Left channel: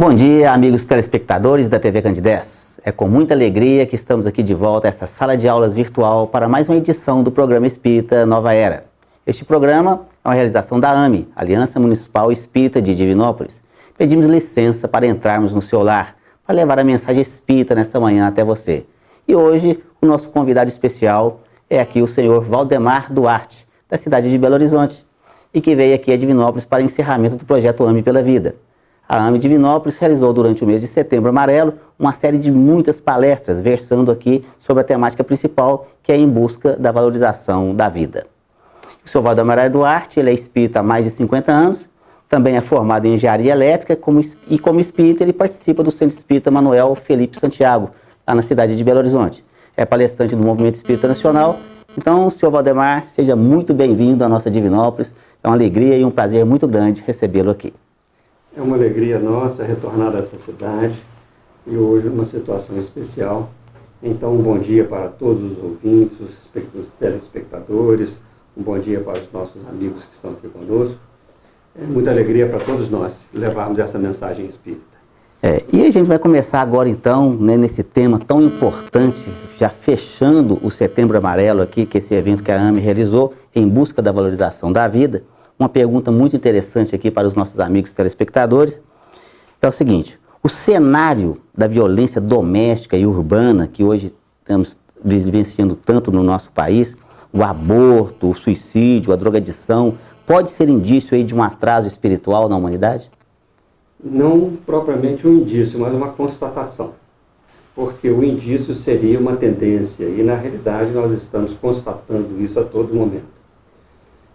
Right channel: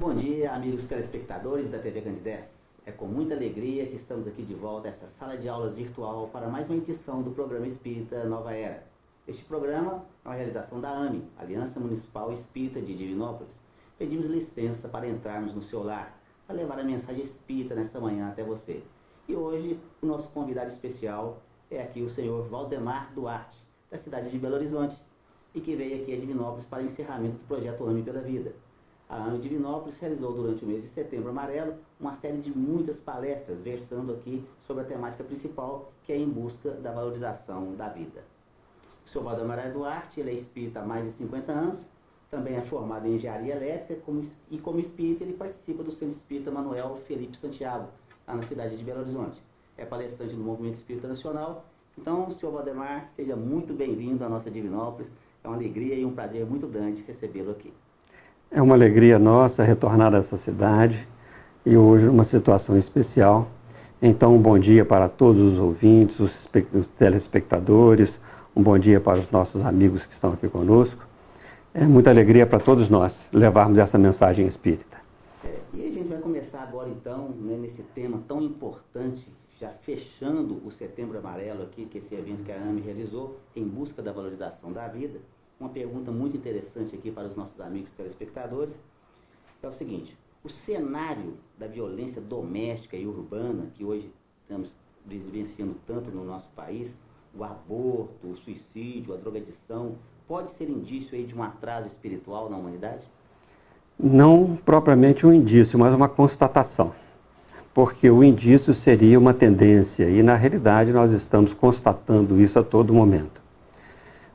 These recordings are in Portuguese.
Bom dia, amigos telespectadores da TV Candidez. É com muita alegria que estamos aqui de volta a essa sala de aulas virtual para mais uma edição do programa Espírita Nova Era. Este programa é uma realização da AME, Aliança Municipal Espírita de Divinópolis. Pedimos licença para entrarmos no seu lar, para levar a mensagem espírita nesta manhã até você. E hoje, o nosso convidado especial é aqui o senhor Valdemar Duarte, da cidade de Belo Horizonte, e que veio aqui a Divinópolis para o encerramento do projeto AME pela Vida. A AME Divinópolis realizou durante o mês de Setembro Amarelo uma série de muitas palestras versando aqui sobre a temática principal, que é em busca da valorização da vida. O senhor Valdemar Duarte, ele é espírita há mais de 50 anos, também é formado em engenharia elétrica e como espírita ele participa do Centro Espírita Manuel Felipe Santiago, lá na cidade de Belo Horizonte. É palestrante do Movimento Espírita Nacional. Então, senhor Valdemar, seja muito bem-vindo à nossa Divinópolis. É uma alegria e um prazer muito grande recebê-lo aqui. É uma alegria nossa retornar a essa cidade e hoje uma situação especial. Então, um bom dia para todos os ouvintes, os telespectadores, um bom dia para os nossos amigos que estão aqui conosco. É muita alegria para todos nós levarmos essa mensagem espírita. E a gente vai começar agora então, nesse tema tão importante, já fechando o Setembro Amarelo aqui, que é esse evento que a AME realizou em busca da valorização da vida. Uma pergunta muito interessante aqui para os nossos amigos telespectadores é o seguinte: o cenário da violência doméstica e urbana que hoje estamos vivenciando tanto no nosso país, o aborto, o suicídio, a drogadição, pode ser indício aí de um atraso espiritual na humanidade? Não propriamente um indício, mas uma constatação. Porque o indício seria uma tendência e, na realidade, nós estamos constatando isso a todo momento.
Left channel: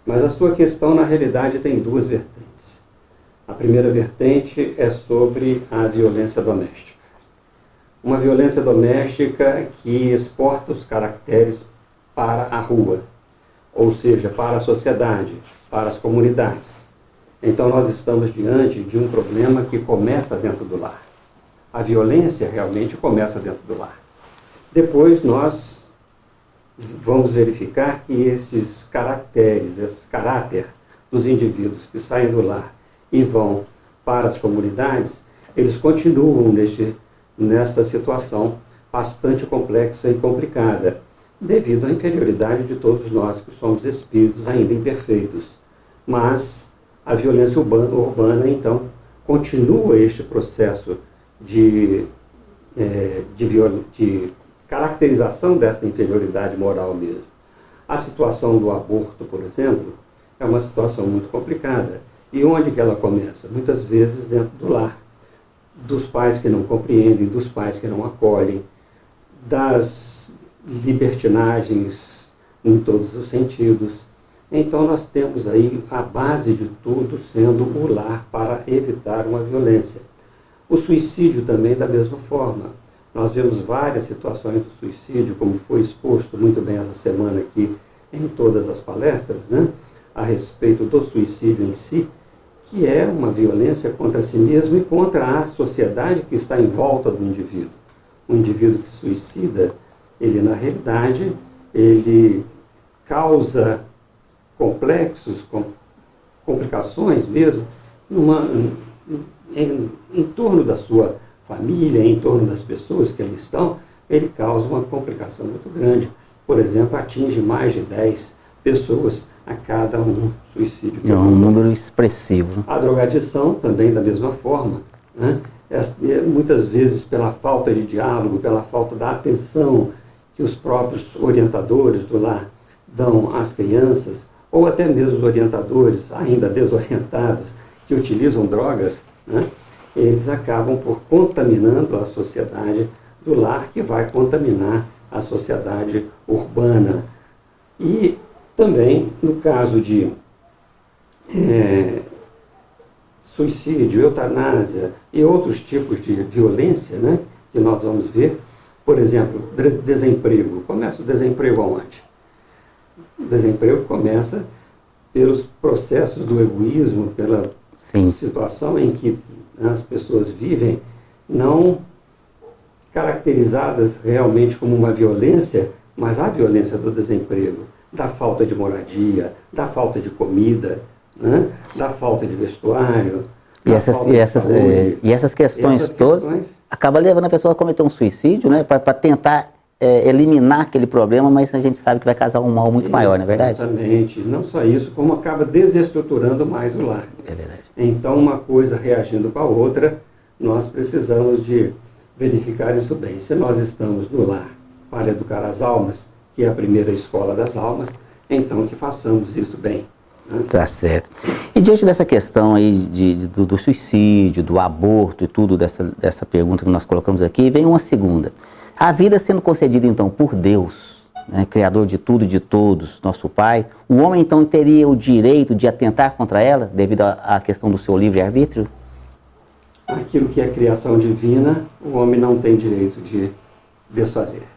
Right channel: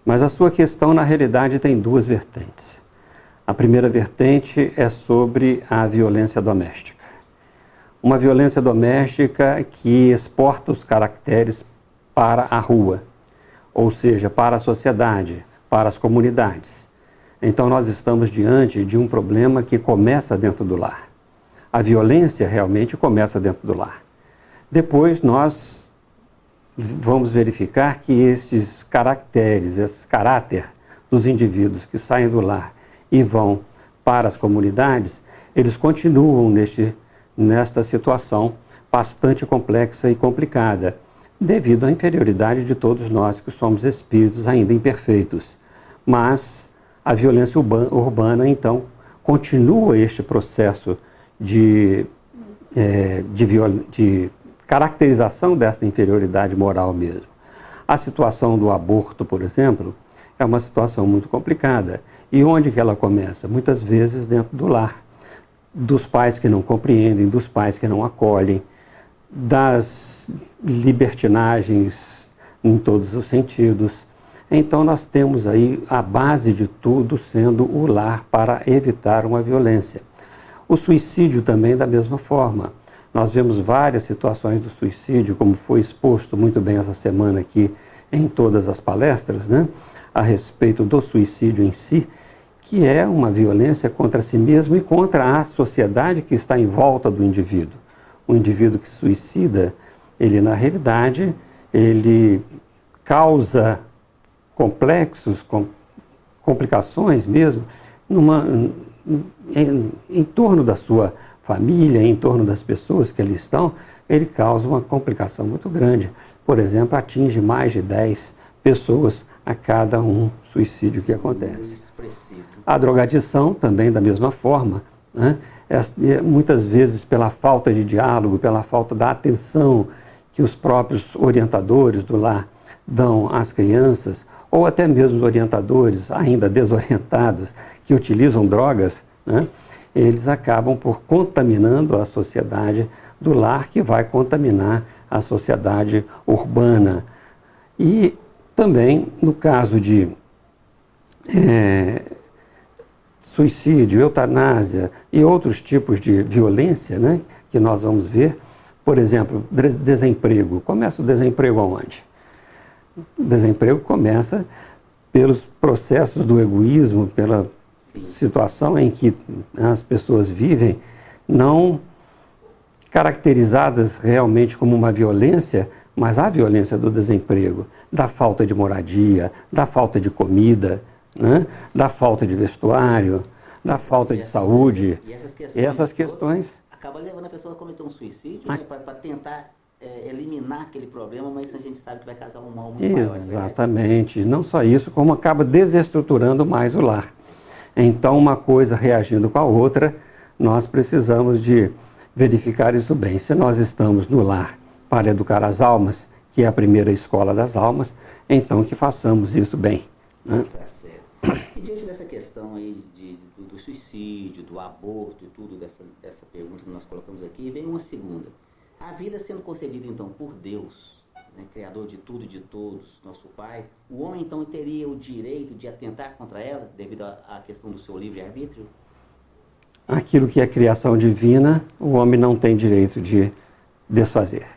Mas a sua questão, na realidade, tem duas vertentes. A primeira vertente é sobre a violência doméstica. Uma violência doméstica que exporta os caracteres para a rua, ou seja, para a sociedade, para as comunidades. Então, nós estamos diante de um problema que começa dentro do lar. A violência realmente começa dentro do lar. Depois, nós vamos verificar que esses caracteres, esse caráter dos indivíduos que saem do lar e vão para as comunidades, eles continuam nesta situação bastante complexa e complicada, devido à inferioridade de todos nós que somos espíritos ainda imperfeitos. Mas a violência urbana, então, continua este processo de caracterização dessa inferioridade moral mesmo. A situação do aborto, por exemplo, é uma situação muito complicada. E onde que ela começa? Muitas vezes dentro do lar. Dos pais que não compreendem, dos pais que não acolhem, das libertinagens em todos os sentidos. Então nós temos aí a base de tudo sendo o lar para evitar uma violência. O suicídio também da mesma forma. Nós vemos várias situações do suicídio, como foi exposto muito bem essa semana aqui em todas as palestras, a respeito do suicídio em si, que é uma violência contra si mesmo e contra a sociedade que está em volta do indivíduo. O indivíduo que suicida, ele na realidade, ele causa complexos, complicações mesmo, em torno da sua família, em torno das pessoas que ali estão, ele causa uma complicação muito grande. Por exemplo, atinge mais de 10 pessoas a cada um suicídio que acontece. É um número expressivo. A drogadição também da mesma forma, muitas vezes pela falta de diálogo, pela falta da atenção que os próprios orientadores do lar dão às crianças, ou até mesmo os orientadores ainda desorientados que utilizam drogas, eles acabam por contaminando a sociedade do lar, que vai contaminar a sociedade urbana. E também, no caso de suicídio, eutanásia e outros tipos de violência, que nós vamos ver, por exemplo, desemprego. Começa o desemprego aonde? O desemprego começa pelos processos do egoísmo, pela situação em que as pessoas vivem, não caracterizadas realmente como uma violência, mas a violência do desemprego, da falta de moradia, da falta de comida, da falta de vestuário, na falta de saúde. E essas questões todas acabam levando a pessoa a cometer um suicídio, né? Para tentar eliminar aquele problema, mas a gente sabe que vai causar um mal muito maior, não é verdade? Exatamente. Não só isso, como acaba desestruturando mais o lar. É verdade. Então, uma coisa reagindo com a outra, nós precisamos de verificar isso bem. Se nós estamos no lar para educar as almas, que é a primeira escola das almas, então que façamos isso bem. Né? Tá certo. E diante dessa questão aí do suicídio, do aborto e tudo, dessa pergunta que nós colocamos aqui, vem uma segunda. A vida sendo concedida então por Deus, né, Criador de tudo e de todos, nosso Pai, o homem então teria o direito de atentar contra ela, devido à questão do seu livre-arbítrio? Aquilo que é criação divina, o homem não tem direito de desfazer.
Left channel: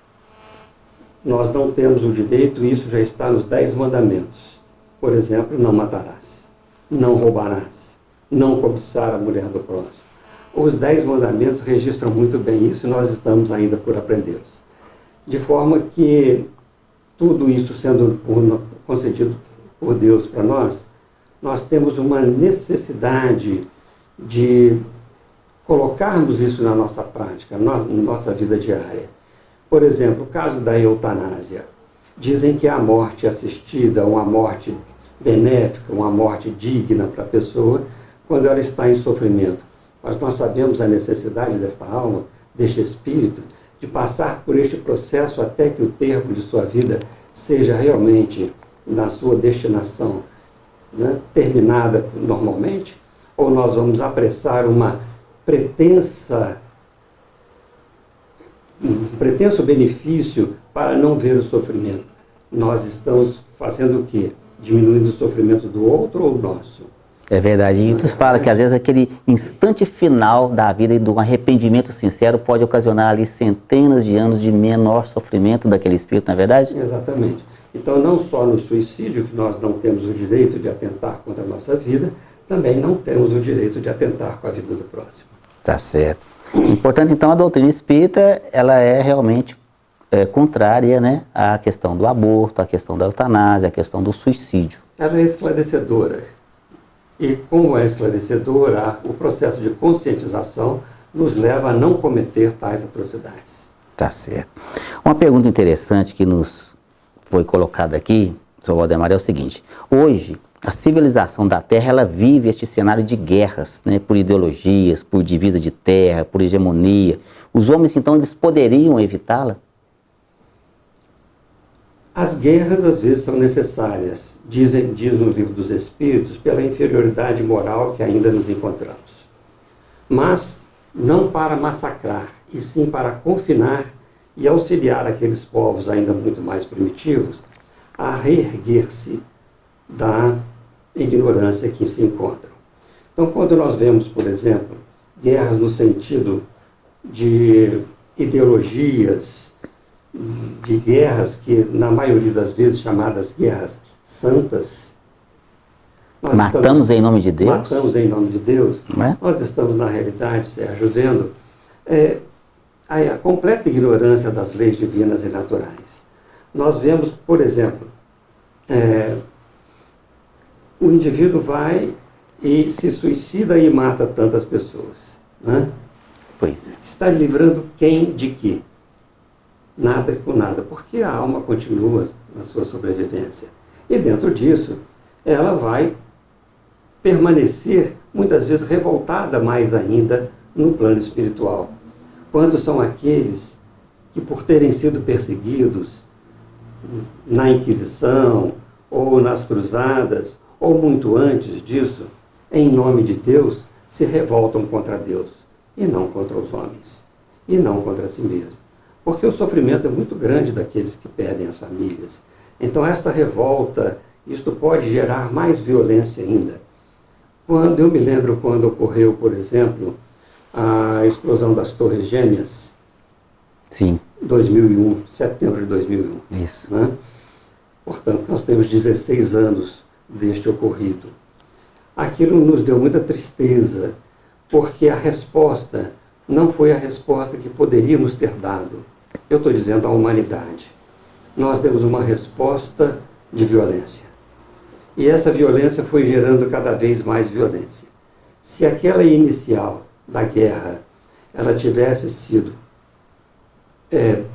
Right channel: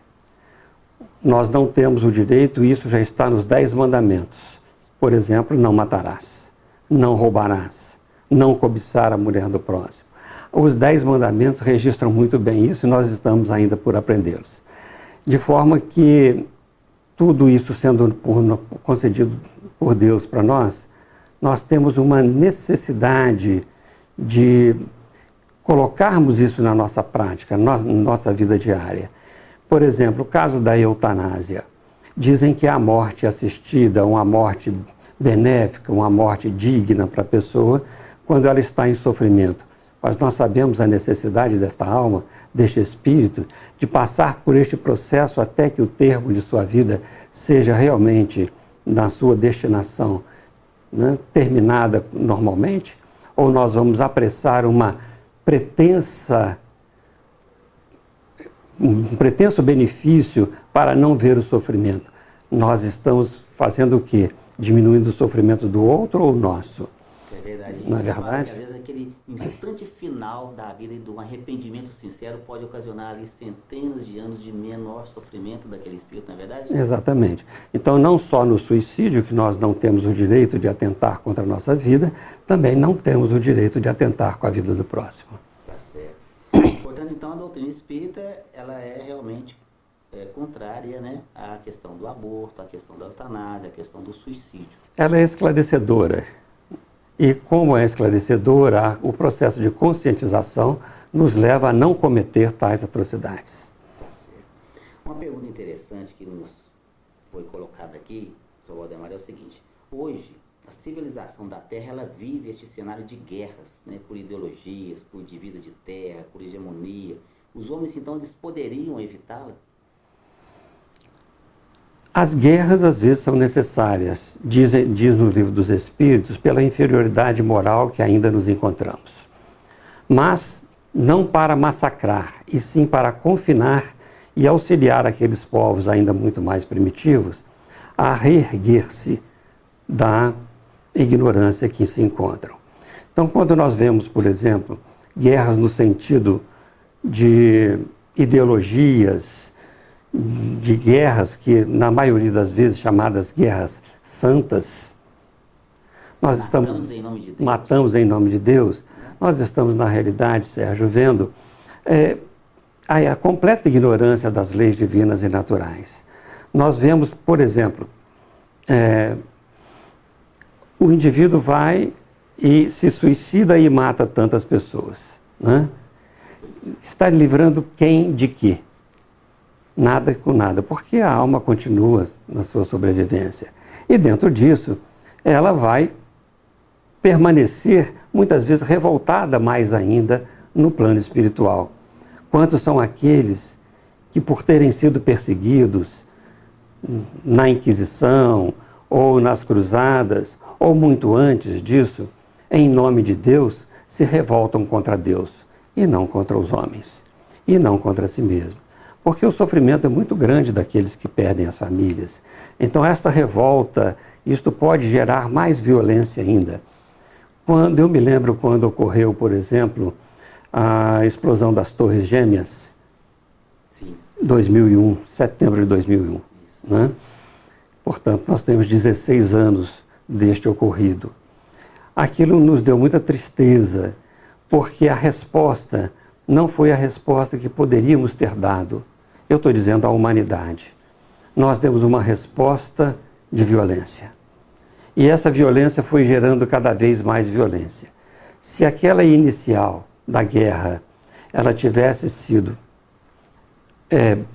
Nós não temos o direito, e isso já está nos 10 mandamentos. Por exemplo, não matarás, não roubarás, não cobiçar a mulher do próximo. Os 10 mandamentos registram muito bem isso e nós estamos ainda por aprendê-los. De forma que tudo isso sendo concedido por Deus para nós, nós temos uma necessidade de colocarmos isso na nossa prática, na nossa vida diária. Por exemplo, o caso da eutanásia. Dizem que a morte assistida, uma morte benéfica, uma morte digna para a pessoa, quando ela está em sofrimento. Mas nós sabemos a necessidade desta alma, deste espírito, de passar por este processo até que o termo de sua vida seja realmente na sua destinação, né, terminada normalmente, ou nós vamos apressar um pretenso benefício para não ver o sofrimento. Nós estamos fazendo o quê? Diminuindo o sofrimento do outro ou nosso? É verdade. E tu fala que às vezes aquele instante final da vida e do arrependimento sincero pode ocasionar ali centenas de anos de menor sofrimento daquele espírito, não é verdade? Exatamente. Então, não só no suicídio que nós não temos o direito de atentar contra a nossa vida, também não temos o direito de atentar com a vida do próximo. Tá certo. Portanto, então, a doutrina espírita, ela é realmente contrária, né, à questão do aborto, à questão da eutanásia, à questão do suicídio. Ela é esclarecedora. E como é esclarecedora, o processo de conscientização nos leva a não cometer tais atrocidades. Tá certo. Uma pergunta interessante que nos foi colocada aqui, Sr. Waldemar, é o seguinte. Hoje, a civilização da Terra, ela vive este cenário de guerras, né, por ideologias, por divisa de terra, por hegemonia. Os homens, então, eles poderiam evitá-la? As guerras, às vezes, são necessárias, diz o Livro dos Espíritos, pela inferioridade moral que ainda nos encontramos. Mas não para massacrar, e sim para confinar e auxiliar aqueles povos ainda muito mais primitivos a reerguer-se da ignorância que se encontram. Então, quando nós vemos, por exemplo, guerras no sentido de ideologias, de guerras que, na maioria das vezes, chamadas guerras santas, matamos em nome de Deus. Matamos em nome de Deus. Nós estamos, na realidade, Sérgio, vendo a completa ignorância das leis divinas e naturais. Nós vemos, por exemplo, o indivíduo vai e se suicida e mata tantas pessoas. Né? Pois é. Está livrando quem de quê? Nada com nada, porque a alma continua na sua sobrevivência. E dentro disso, ela vai permanecer, muitas vezes, revoltada mais ainda no plano espiritual. Quantos são aqueles que, por terem sido perseguidos na Inquisição, ou nas Cruzadas, ou muito antes disso, em nome de Deus, se revoltam contra Deus, e não contra os homens, e não contra si mesmo. Porque o sofrimento é muito grande daqueles que perdem as famílias. Então, esta revolta, isto pode gerar mais violência ainda. Eu me lembro quando ocorreu, por exemplo, a explosão das Torres Gêmeas. Sim. 2001, setembro de 2001. Isso. Né? Portanto, nós temos 16 anos deste ocorrido. Aquilo nos deu muita tristeza, porque a resposta não foi a resposta que poderíamos ter dado. Eu estou dizendo à humanidade. Nós demos uma resposta de violência. E essa violência foi gerando cada vez mais violência. Se aquela inicial da guerra ela tivesse sido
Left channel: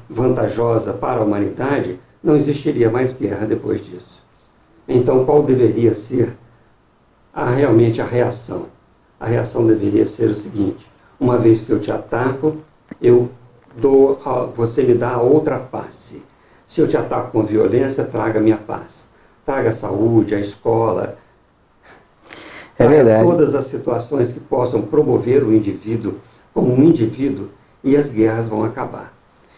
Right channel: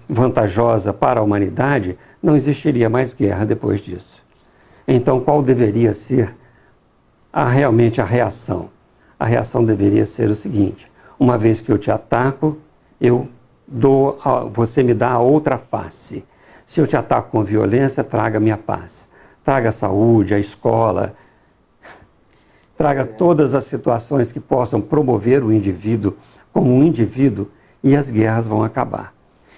vantajosa para a humanidade, não existiria mais guerra depois disso. Então, qual deveria ser realmente a reação? A reação deveria ser o seguinte: uma vez que eu te ataco, você me dá a outra face. Se eu te ataco com violência, traga a minha paz. Traga a saúde, a escola, traga todas as situações que possam promover o indivíduo como um indivíduo, e as guerras vão acabar.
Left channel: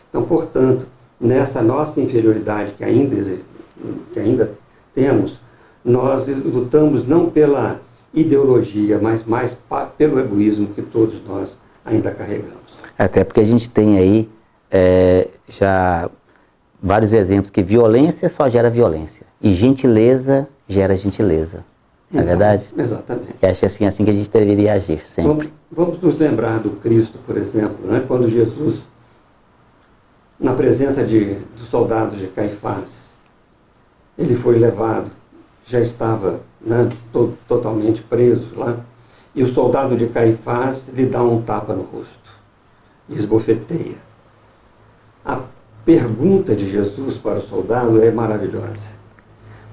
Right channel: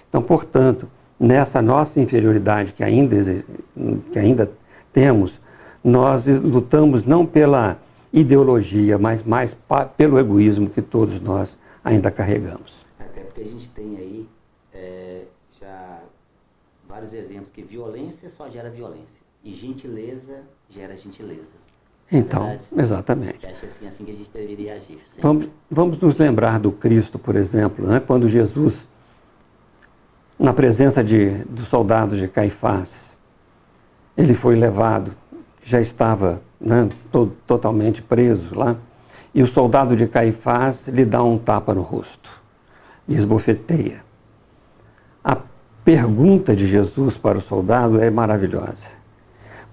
Então, portanto, nessa nossa inferioridade que ainda temos, nós lutamos não pela ideologia, mas mais pelo egoísmo que todos nós ainda carregamos. Até porque a gente tem aí já vários exemplos que violência só gera violência e gentileza gera gentileza. Não é verdade? Exatamente. Eu acho assim que a gente deveria agir sempre. Vamos nos lembrar do Cristo, por exemplo, né? Quando Jesus, na presença dos soldados de Caifás, ele foi levado, já estava, né, totalmente preso lá, e o soldado de Caifás lhe dá um tapa no rosto, lhe esbofeteia. A pergunta de Jesus para o soldado é maravilhosa,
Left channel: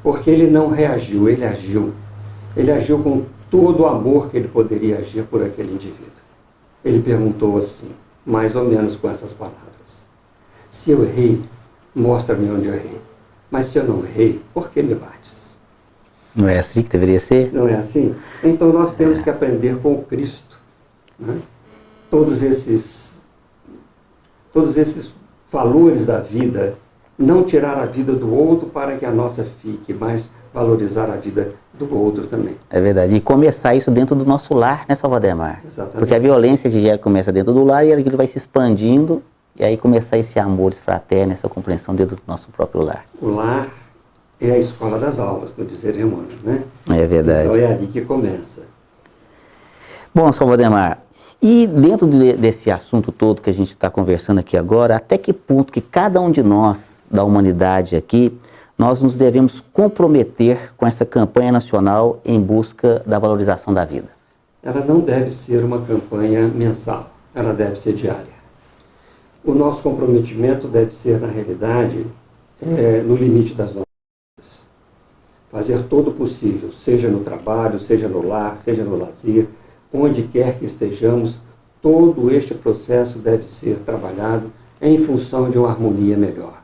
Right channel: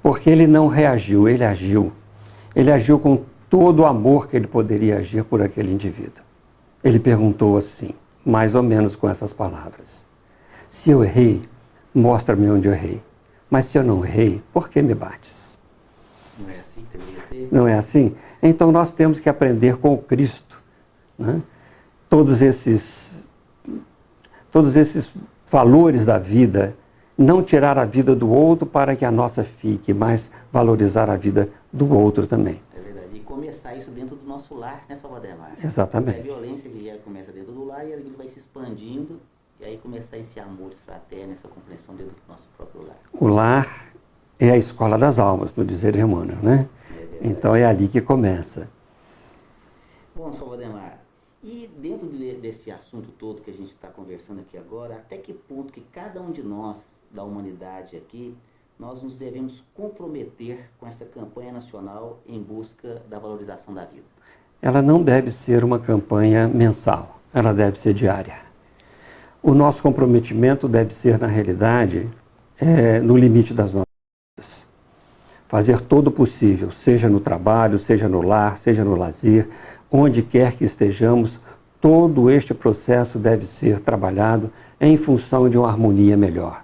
porque ele não reagiu, ele agiu. Ele agiu com todo o amor que ele poderia agir por aquele indivíduo. Ele perguntou assim, mais ou menos com essas palavras: se eu errei, mostra-me onde eu errei. Mas se eu não errei, por que me bates? Não é assim que deveria ser? Não é assim? Então nós temos que aprender com o Cristo, né? Todos esses valores da vida, não tirar a vida do outro para que a nossa fique, mas valorizar a vida do outro também. É verdade. E começar isso dentro do nosso lar, né, Salvademar? Exatamente. Porque a violência que começa dentro do lar e aquilo vai se expandindo, e aí começar esse amor fraterno, essa compreensão dentro do nosso próprio lar. O lar é a escola das almas, no dizer Emmanuel, né? É verdade. Então é ali que começa. Bom, Salvademar, e dentro desse assunto todo que a gente está conversando aqui agora, até que ponto que cada um de nós, da humanidade aqui, nós nos devemos comprometer com essa campanha nacional em busca da valorização da vida? Ela não deve ser uma campanha mensal, ela deve ser diária. O nosso comprometimento deve ser, na realidade, no limite das nossas vidas. Fazer todo o possível, seja no trabalho, seja no lar, seja no lazer, onde quer que estejamos, todo este processo deve ser trabalhado em função de uma harmonia melhor.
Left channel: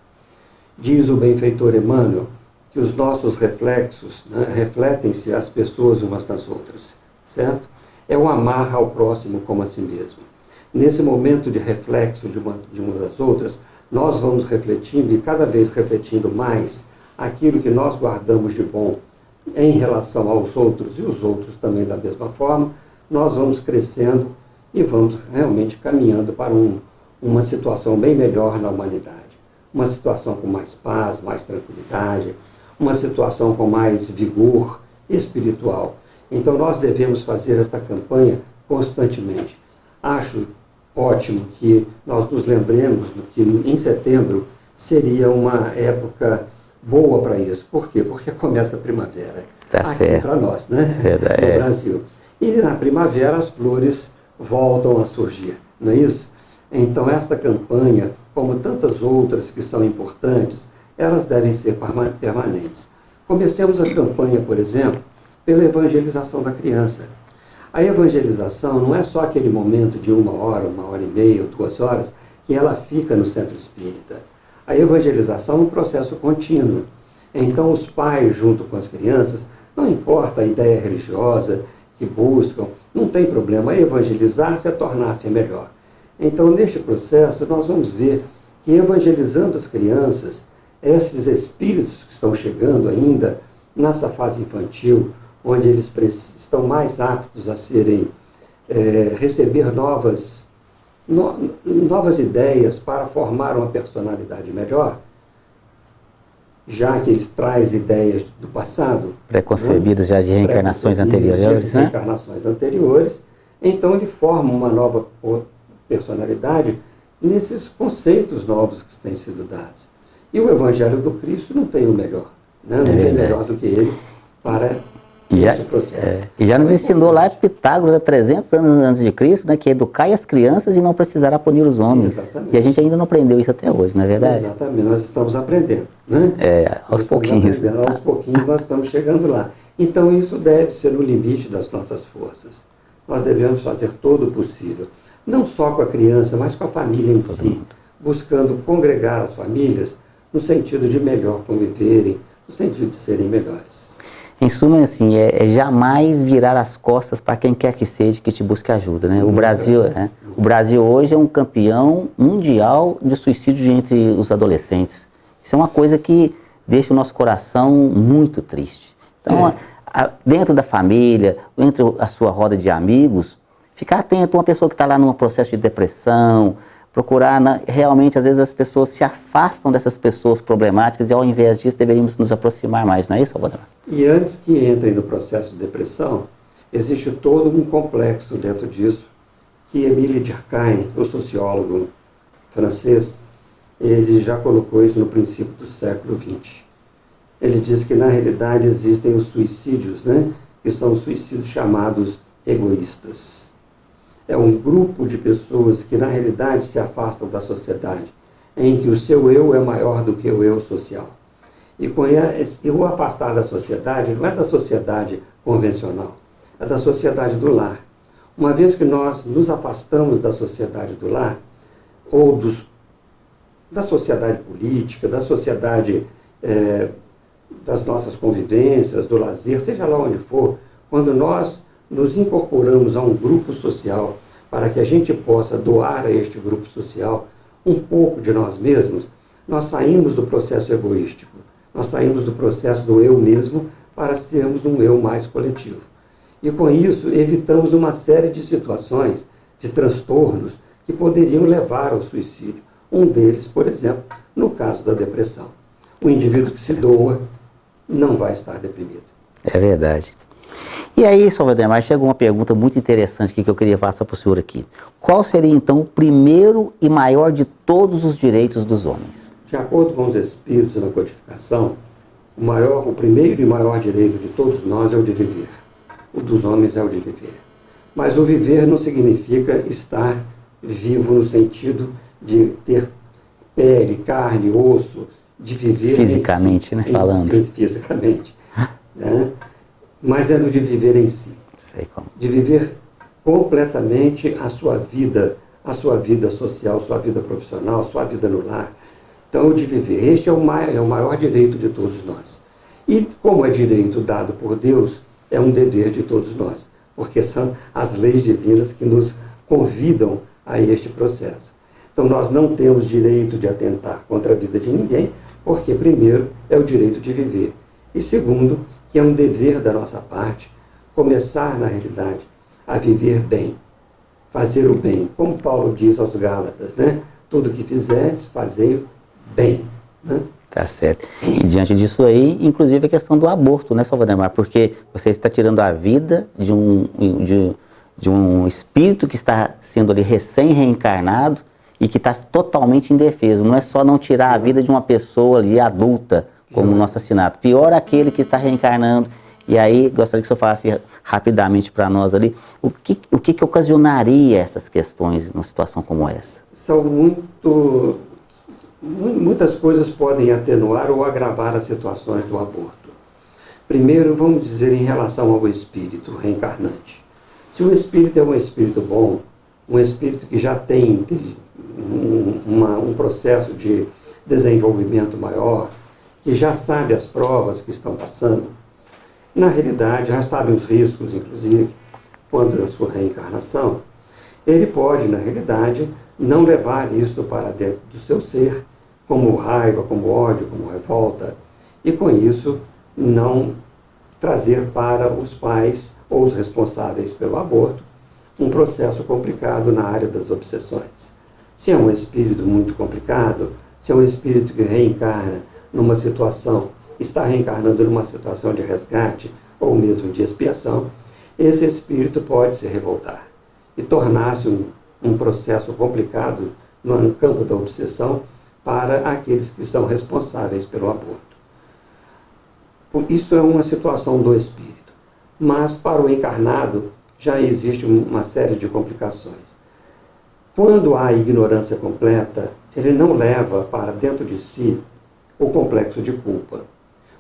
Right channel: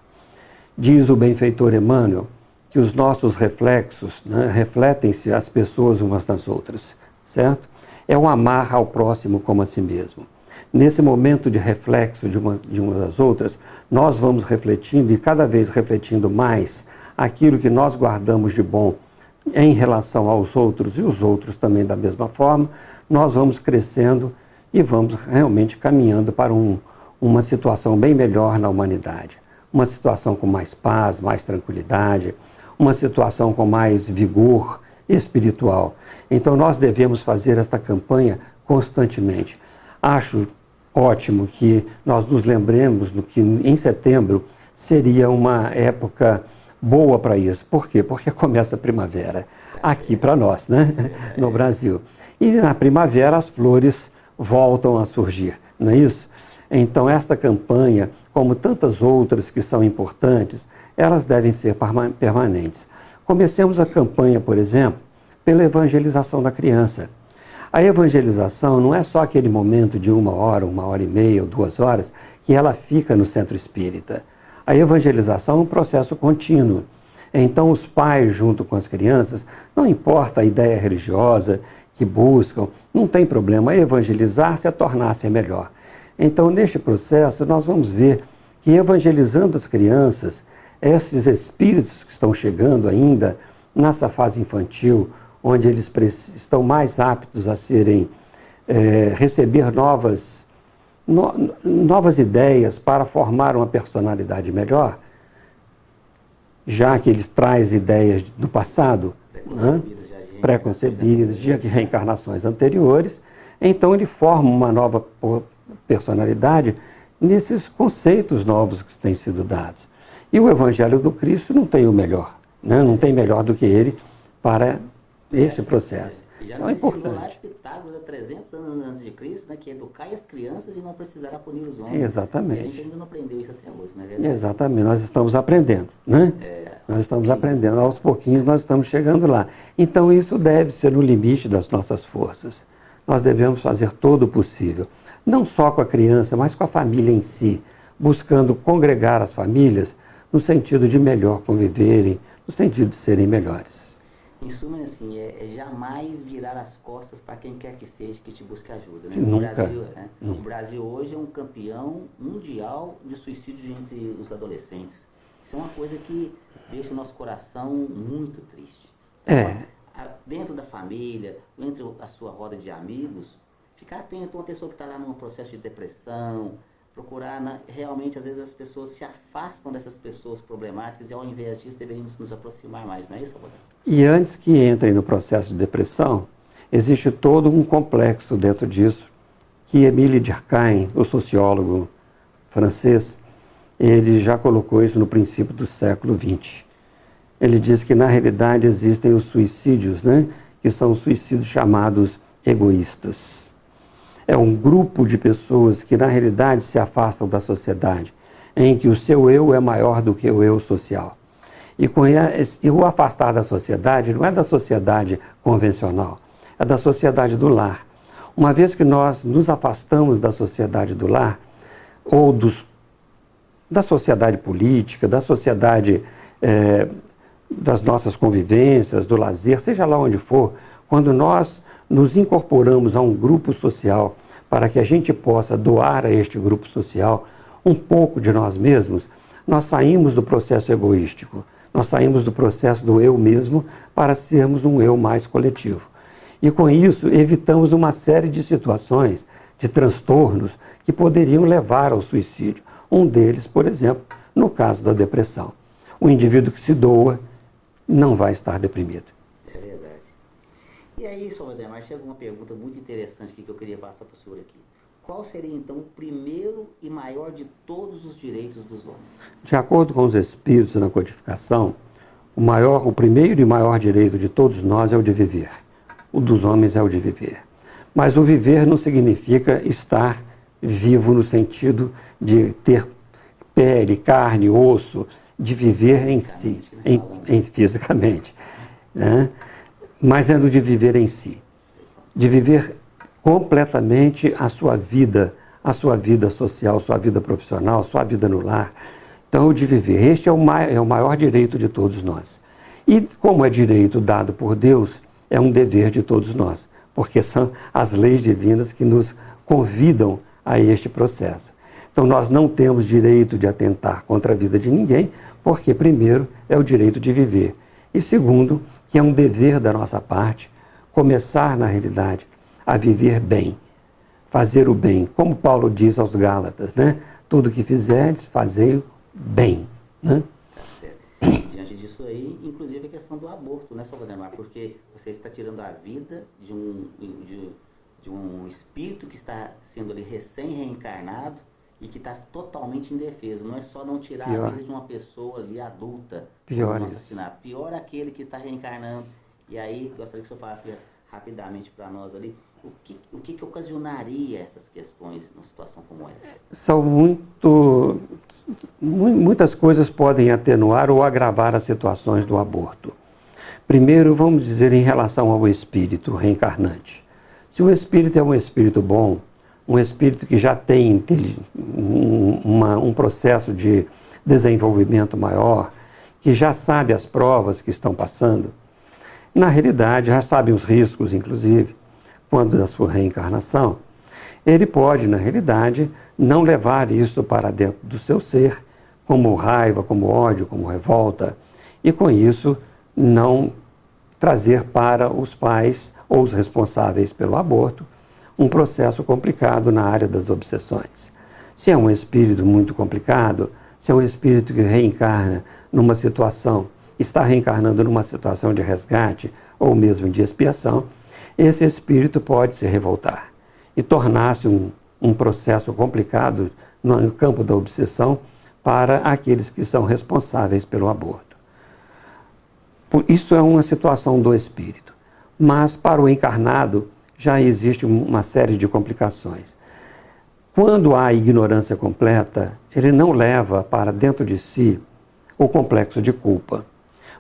Diz o benfeitor Emmanuel que os nossos reflexos, né, refletem-se as pessoas umas das outras, certo? É o amar ao próximo como a si mesmo. Nesse momento de reflexo de uma das outras, nós vamos refletindo e cada vez refletindo mais aquilo que nós guardamos de bom em relação aos outros e os outros também da mesma forma, nós vamos crescendo e vamos realmente caminhando para uma situação bem melhor na humanidade. Uma situação com mais paz, mais tranquilidade, uma situação com mais vigor espiritual. Então nós devemos fazer esta campanha constantemente. Acho ótimo que nós nos lembremos do que em setembro seria uma época boa para isso. Por quê? Porque começa a primavera aqui para nós, né? No Brasil. E na primavera as flores voltam a surgir, não é isso? Então esta campanha, como tantas outras que são importantes, elas devem ser permanentes. Comecemos a campanha, por exemplo, pela evangelização da criança. A evangelização não é só aquele momento de 1 hora, 1 hora e meia ou 2 horas que ela fica no centro espírita. A evangelização é um processo contínuo. Então os pais, junto com as crianças, não importa a ideia religiosa que buscam, não tem problema, evangelizar-se é tornar-se melhor. Então, neste processo, nós vamos ver que evangelizando as crianças, esses espíritos que estão chegando ainda nessa fase infantil, onde eles estão mais aptos a receber novas ideias para formar uma personalidade melhor, já que eles trazem ideias do passado, preconcebidas, né? Já de reencarnações anteriores, então ele forma uma nova personalidade nesses conceitos novos que têm sido dados. E o Evangelho do Cristo não tem o melhor, né? Não tem melhor do que ele para esse processo. E já nos Então, ensinou lá importante. Pitágoras, há 300 anos antes de Cristo, né, que educai as crianças e não precisará punir os homens. Exatamente. E a gente ainda não aprendeu isso até hoje, não é verdade? Exatamente, nós estamos aprendendo, né? Aos pouquinhos. Aos pouquinhos nós estamos chegando lá. Então isso deve ser o limite das nossas forças. Nós devemos fazer todo o possível, não só com a criança, mas com a família em si, buscando congregar as famílias no sentido de melhor conviverem, no sentido de serem melhores. Em suma, assim, é jamais virar as costas para quem quer que seja que te busque ajuda, né? O Brasil hoje é um campeão mundial de suicídio entre os adolescentes. Isso é uma coisa que deixa o nosso coração muito triste. Então, dentro da família, entre a sua roda de amigos, ficar atento a uma pessoa que está lá num processo de depressão, procurar, realmente, às vezes as pessoas se afastam dessas pessoas problemáticas e ao invés disso deveríamos nos aproximar mais, não é isso, Salvador? E antes que entrem no processo de depressão, existe todo um complexo dentro disso, que Émile Durkheim, o sociólogo francês, ele já colocou isso no princípio do século XX. Ele diz que na realidade existem os suicídios, né? Que são os suicídios chamados egoístas. É um grupo de pessoas que, na realidade, se afastam da sociedade, em que o seu eu é maior do que o eu social. E o afastar da sociedade não é da sociedade convencional, é da sociedade do lar. Uma vez que nós nos afastamos da sociedade do lar, ou da sociedade política, da sociedade das nossas convivências, do lazer, seja lá onde for, quando nós nos incorporamos a um grupo social para que a gente possa doar a este grupo social um pouco de nós mesmos, nós saímos do processo egoístico, nós saímos do processo do eu mesmo para sermos um eu mais coletivo. E com isso evitamos uma série de situações, de transtornos que poderiam levar ao suicídio. Um deles, por exemplo, no caso da depressão. O indivíduo que se doa não vai estar deprimido. É verdade. E aí, Salvador, chegou uma pergunta muito interessante que eu queria passar para o senhor aqui. Qual seria, então, o primeiro e maior de todos os direitos dos homens? De acordo com os espíritos na codificação, o primeiro e maior direito de todos nós é o de viver. O dos homens é o de viver. Mas o viver não significa estar vivo no sentido de ter pele, carne, osso, de viver fisicamente, em si, falando. Fisicamente. Né? Mas é do de viver em si. Sei como. De viver completamente a sua vida social, sua vida profissional, sua vida no lar. Então, o de viver. Este é o maior direito de todos nós. E como é direito dado por Deus, é um dever de todos nós, porque são as leis divinas que nos convidam a este processo. Então, nós não temos direito de atentar contra a vida de ninguém, porque, primeiro, é o direito de viver. E, segundo, que é um dever da nossa parte começar, na realidade, a viver bem, fazer o bem. Como Paulo diz aos Gálatas, né? Tudo que fizeres, fazei bem. Né? Tá certo. E diante disso aí, inclusive a questão do aborto, né, Salvador? Porque você está tirando a vida de um espírito que está sendo ali recém-reencarnado e que está totalmente indefeso. Não é só não tirar a vida de uma pessoa ali adulta, como no assassinato. Pior aquele que está reencarnando. E aí, gostaria que o senhor falasse rapidamente para nós ali, o que ocasionaria essas questões numa situação como essa? São muitas coisas podem atenuar ou agravar as situações do aborto. Primeiro, vamos dizer em relação ao espírito reencarnante. Se o espírito é um espírito bom, um espírito que já tem um processo de desenvolvimento maior, que já sabe as provas que estão passando, na realidade, já sabe os riscos, inclusive, quando da sua reencarnação, ele pode, na realidade, não levar isso para dentro do seu ser, como raiva, como ódio, como revolta, e com isso não trazer para os pais ou os responsáveis pelo aborto um processo complicado na área das obsessões. Se é um espírito muito complicado, se é um espírito que reencarna numa situação, está reencarnando numa situação de resgate ou mesmo de expiação, esse espírito pode se revoltar e tornar-se um processo complicado no campo da obsessão para aqueles que são responsáveis pelo aborto. Isso é uma situação do espírito. Mas para o encarnado já existe uma série de complicações. Quando há ignorância completa, ele não leva para dentro de si o complexo de culpa.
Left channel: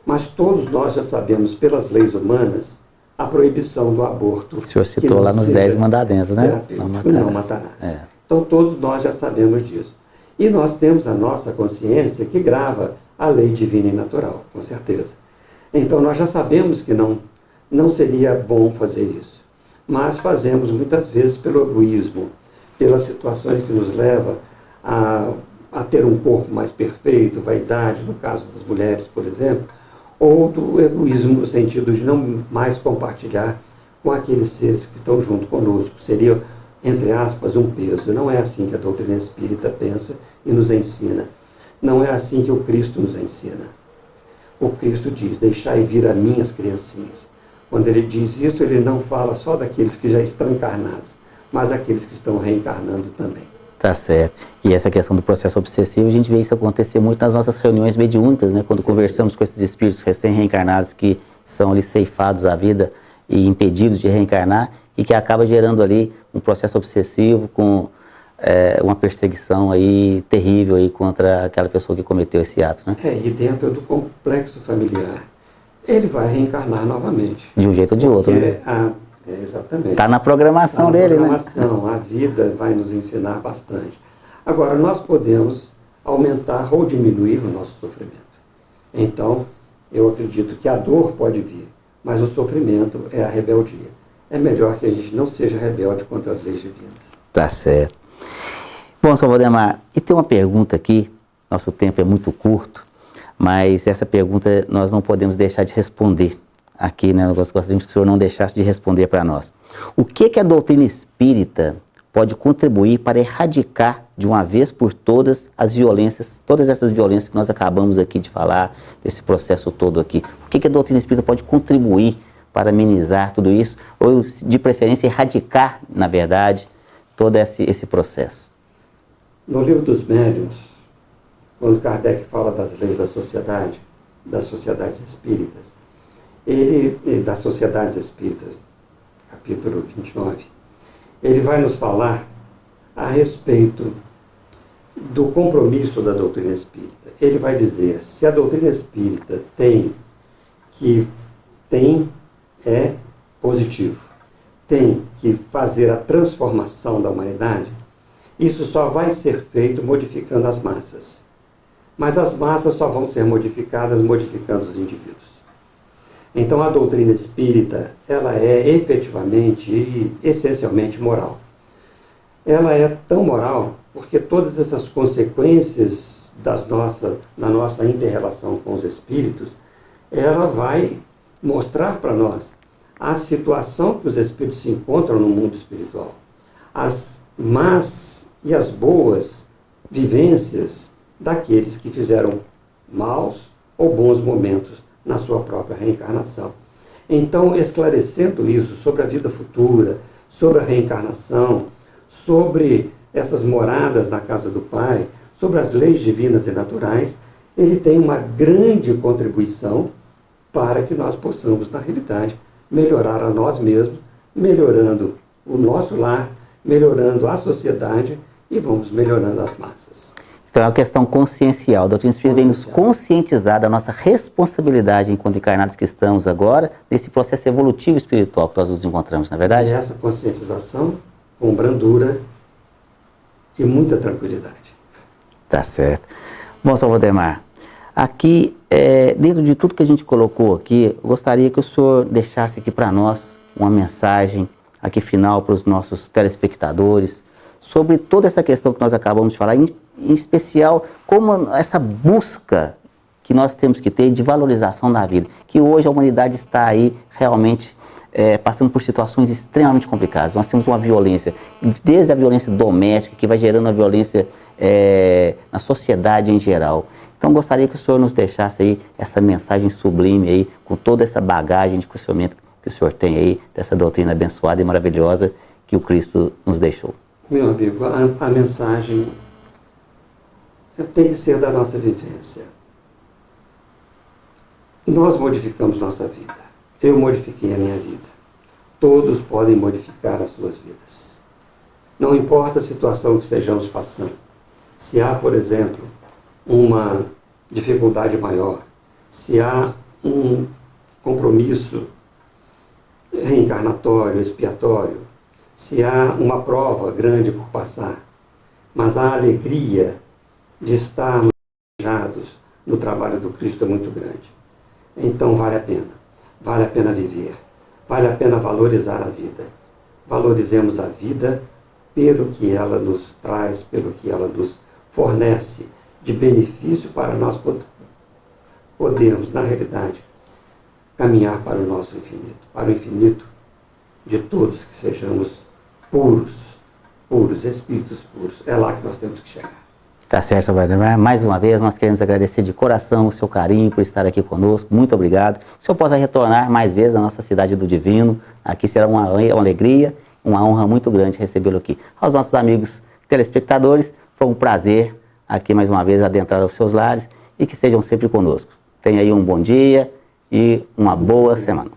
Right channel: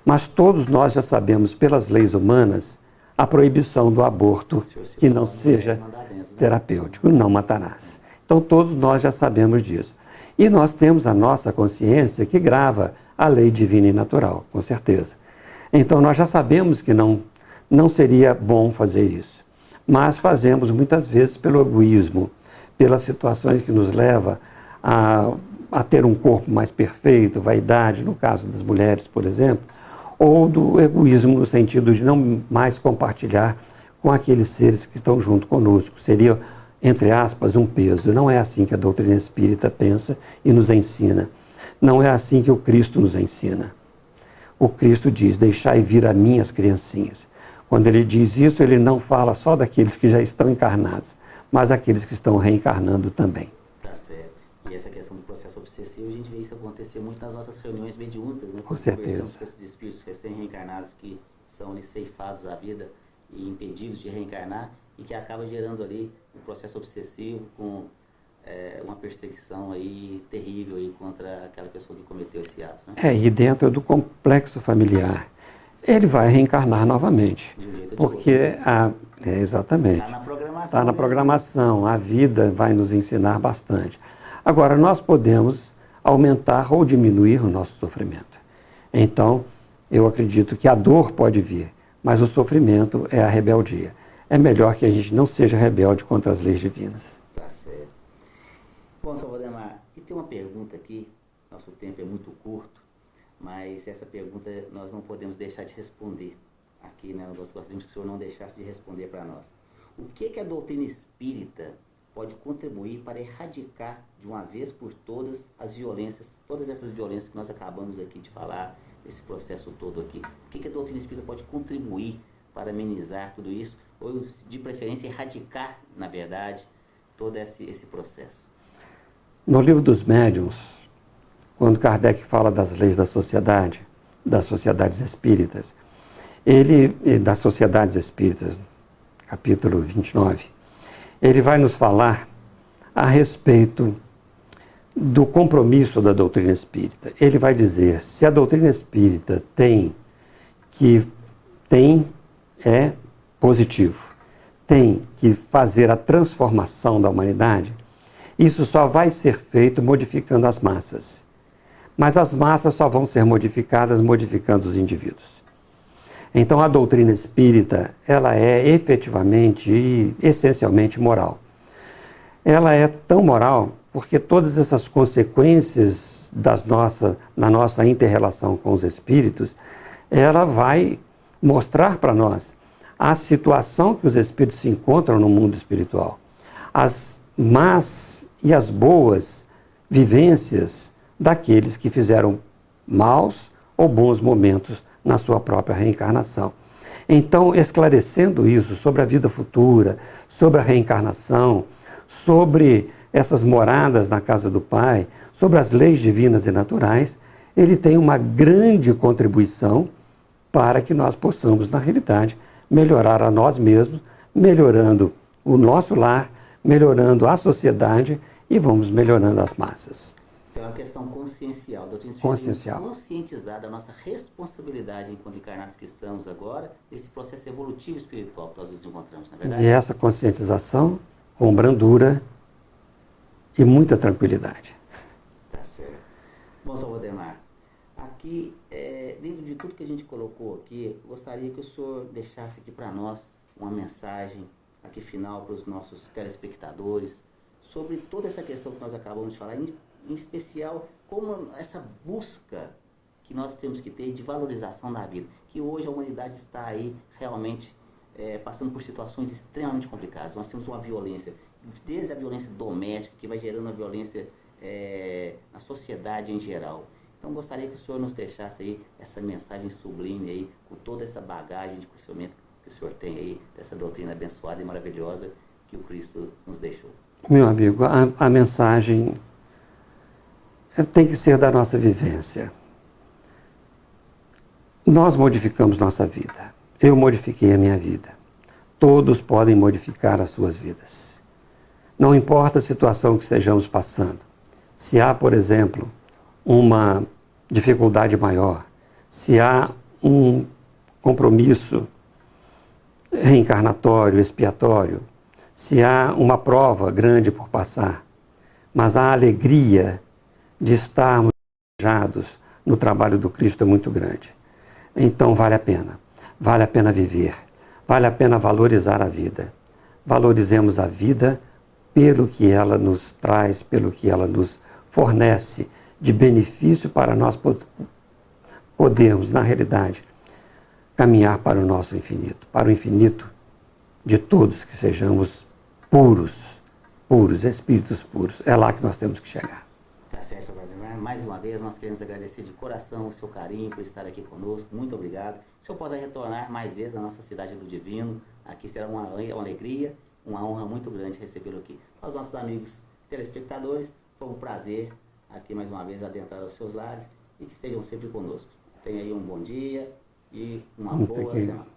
Mas todos nós já sabemos, pelas leis humanas, a proibição do aborto. O senhor citou lá nos 10 mandamentos, né? Terapêutico, não matarás. Então todos nós já sabemos disso. E nós temos a nossa consciência que grava a lei divina e natural, com certeza. Então nós já sabemos que não seria bom fazer isso. Mas fazemos muitas vezes pelo egoísmo, pelas situações que nos levam a ter um corpo mais perfeito, vaidade, no caso das mulheres, por exemplo, ou do egoísmo no sentido de não mais compartilhar com aqueles seres que estão junto conosco. Seria, entre aspas, um peso. Não é assim que a doutrina espírita pensa e nos ensina. Não é assim que o Cristo nos ensina. O Cristo diz, deixai vir a mim as criancinhas. Quando ele diz isso, ele não fala só daqueles que já estão encarnados, mas aqueles que estão reencarnando também. Tá certo. E essa questão do processo obsessivo, a gente vê isso acontecer muito nas nossas reuniões mediúnicas, né? Quando conversamos com esses espíritos recém-reencarnados que são ali ceifados à vida e impedidos de reencarnar e que acaba gerando ali um processo obsessivo com uma perseguição aí terrível aí contra aquela pessoa que cometeu esse ato, né? E dentro do complexo familiar, ele vai reencarnar novamente. De um jeito ou de outro, né? Exatamente. Está na programação dele, né? Está na programação, a vida vai nos ensinar bastante. Agora, nós podemos aumentar ou diminuir o nosso sofrimento. Então, eu acredito que a dor pode vir, mas o sofrimento é a rebeldia. É melhor que a gente não seja rebelde contra as leis divinas. Tá certo. Bom, Sr. Valdemar, e tem uma pergunta aqui, nosso tempo é muito curto, mas essa pergunta nós não podemos deixar de responder. Aqui, né, nós gostaríamos que o senhor não deixasse de responder para nós. O que a doutrina espírita pode contribuir para erradicar de uma vez por todas as violências, todas essas violências que nós acabamos aqui de falar, desse processo todo aqui? O que a doutrina espírita pode contribuir para amenizar tudo isso, ou de preferência erradicar, na verdade, todo esse processo? No livro dos médiuns, quando Kardec fala das leis da sociedade, das sociedades espíritas, das sociedades espíritas, capítulo 29, ele vai nos falar a respeito do compromisso da doutrina espírita. Ele vai dizer, se a doutrina espírita é positivo, tem que fazer a transformação da humanidade, isso só vai ser feito modificando as massas. Mas as massas só vão ser modificadas modificando os indivíduos. Então, a doutrina espírita, ela é efetivamente e essencialmente moral. Ela é tão moral porque todas essas consequências da nossa inter-relação com os espíritos, ela vai mostrar para nós a situação que os espíritos se encontram no mundo espiritual. As más e as boas vivências daqueles que fizeram maus ou bons momentos na sua própria reencarnação. Então, esclarecendo isso sobre a vida futura, sobre a reencarnação, sobre essas moradas na casa do Pai, sobre as leis divinas e naturais, ele tem uma grande contribuição para que nós possamos, na realidade, melhorar a nós mesmos, melhorando o nosso lar, melhorando a sociedade e vamos melhorando as massas. Então é uma questão consciencial. A doutrina espírita vem nos conscientizar da nossa responsabilidade enquanto encarnados que estamos agora, nesse processo evolutivo espiritual que nós nos encontramos, não é verdade? E essa conscientização com brandura e muita tranquilidade. Tá certo. Bom, Sr. Valdemar, aqui, dentro de tudo que a gente colocou aqui, eu gostaria que o senhor deixasse aqui para nós uma mensagem aqui final para os nossos telespectadores sobre toda essa questão que nós acabamos de falar, em especial, como essa busca que nós temos que ter de valorização da vida, que hoje a humanidade está aí realmente passando por situações extremamente complicadas. Nós temos uma violência, desde a violência doméstica, que vai gerando a violência na sociedade em geral. Então, gostaria que o senhor nos deixasse aí essa mensagem sublime aí, com toda essa bagagem de conhecimento que o senhor tem aí, dessa doutrina abençoada e maravilhosa que o Cristo nos deixou. Meu amigo, a mensagem tem que ser da nossa vivência. Nós modificamos nossa vida. eu modifiquei a minha vida. Todos podem modificar as suas vidas. Não importa a situação que estejamos passando. Se há, por exemplo, uma dificuldade maior, se há um compromisso reencarnatório, expiatório, se há uma prova grande por passar, mas a alegria de estarmos engajados no trabalho do Cristo é muito grande. Então vale a pena viver, vale a pena valorizar a vida. Valorizemos a vida pelo que ela nos traz, pelo que ela nos fornece de benefício para nós podermos, na realidade, caminhar para o nosso infinito, para o infinito de todos, que sejamos puros, espíritos puros. É lá que nós temos que chegar. Tá certo, Valdemar. Mais uma vez, nós queremos agradecer de coração o seu carinho por estar aqui conosco. Muito obrigado. Que o senhor possa retornar mais vezes à nossa cidade do Divino. Aqui será uma alegria, uma honra muito grande recebê-lo aqui. Aos nossos amigos telespectadores, foi um prazer aqui mais uma vez adentrar aos seus lares e que estejam sempre conosco. Tenha aí um bom dia e uma boa semana.